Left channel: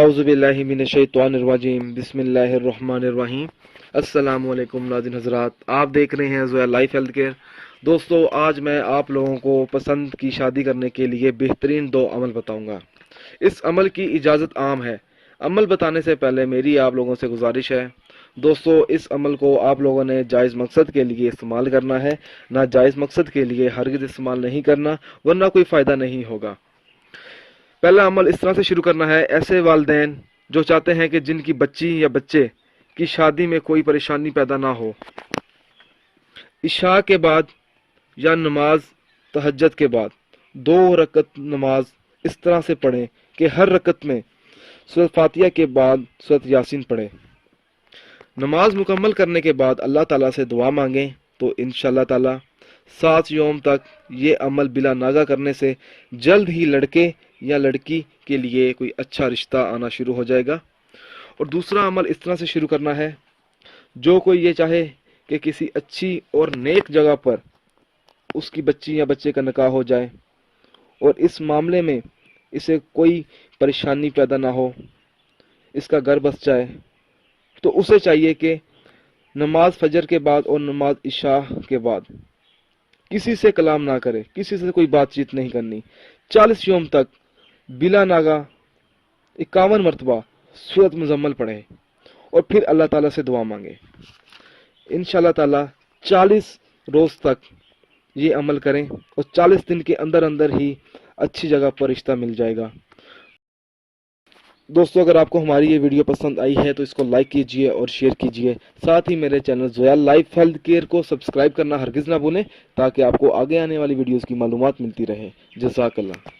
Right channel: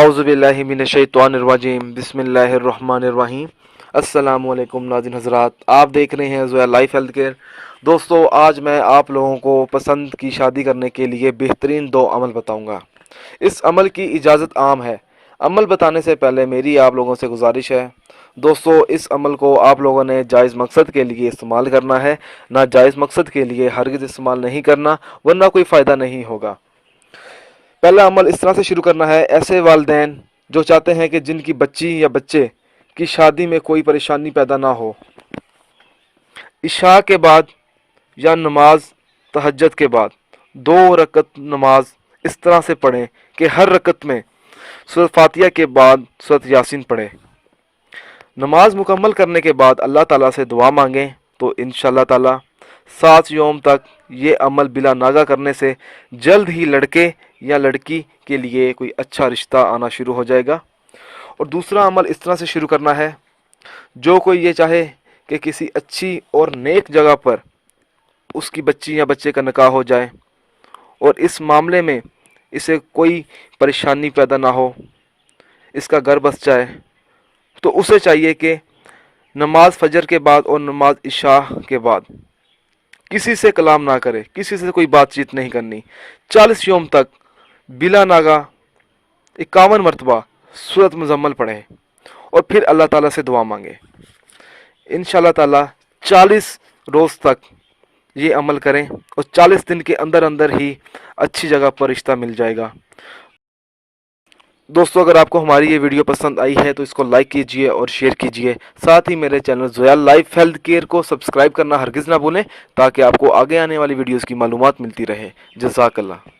आउज़ुबिल्लाहि मिनश्शैतानिर्रजीम बिस्मिल्लाहिर्रहमानिर्रहीम। अस्सलाम वालेकुम नाज़रीन हज़रात, आप देख रहे हैं ज़ोया लाइफ हेल्थ केयर। दोस्तों, आज मैं आप लोगों को पसंद की शादी करने के लिए बेहतरीन 2 अमल बताऊंगा। इस अमल की इजाज़त आम है। अमल बताने से पहले मेरी आप लोगों से गुजारिश है दोस्तों, इस अमल को आप लोगों ने जायज़ मकसद के लिए इस्तेमाल करना है, ना जायज़ मकसद के लिए हरगिज़ इस्तेमाल नहीं करना, वरना कोई फ़ायदा नहीं होगा। पहला अमल इस तरह से शुरू करना है। ऐसे वालिदैन जो चाहते हैं कि जिनकी बच्ची या बच्चे की शादी में कोई परेशानी पैदा ना हो, इशा के बाद या नमाज तहज्जुद के बाद 2 रकत नमाज इस तरह से पढ़ें कि हर रकत में सूरत फातिहा के बाद सूरत यासीन पढ़ें। नमाज मुकम्मल करने के बाद अल्लाह ताला से दुआ मांगें तो इंशाअल्लाह ताला 7 यौम तक ये अमल बिला नागा करने से जल्द ही लड़के या लड़की के लिए कोई अच्छा रिश्ता आना शुरू हो जाएगा। और दूसरा अमल इस तरह से शुरू करना है, जो कोई ये चाहे कि किसी अच्छी और नेक जगह पर उसकी बच्ची या बच्चे का निकाह हो जाए और इस मामले में इसे कोई परेशानी पैदा ना हो, इसका घर बस जाए, तो उसे चाहिए कि नमाज फजर के बाद और नमाज इशा के बाद किसी से कलाम ना करे, किसी से कोई बातचीत नहीं करनी। 40 यौम तक बिला नागा 51 मरतबा सूरत मुजम्मल पढ़े और फिर अल्लाह ताला से दुआ मांगे। इंशाअल्लाह ताला 40 रोज़ तक ये अमल करें और 40 दिन के अंदर अंदर ही अच्छी जगह पर रिश्ता मिल जाएगा। दोस्तों, अगर आपको हमारी ये वीडियो पसंद आई है तो इसको लाइक कीजिए और शेयर कीजिए। साथ ही मेरे channel Zoya life health care को सब्सक्राइब करना हरगिज़ ना भूलें, ताकि आपको आगे आने वाली वीडियोज़ की मालूमात मिलती रहे। जज़ाकल्लाह।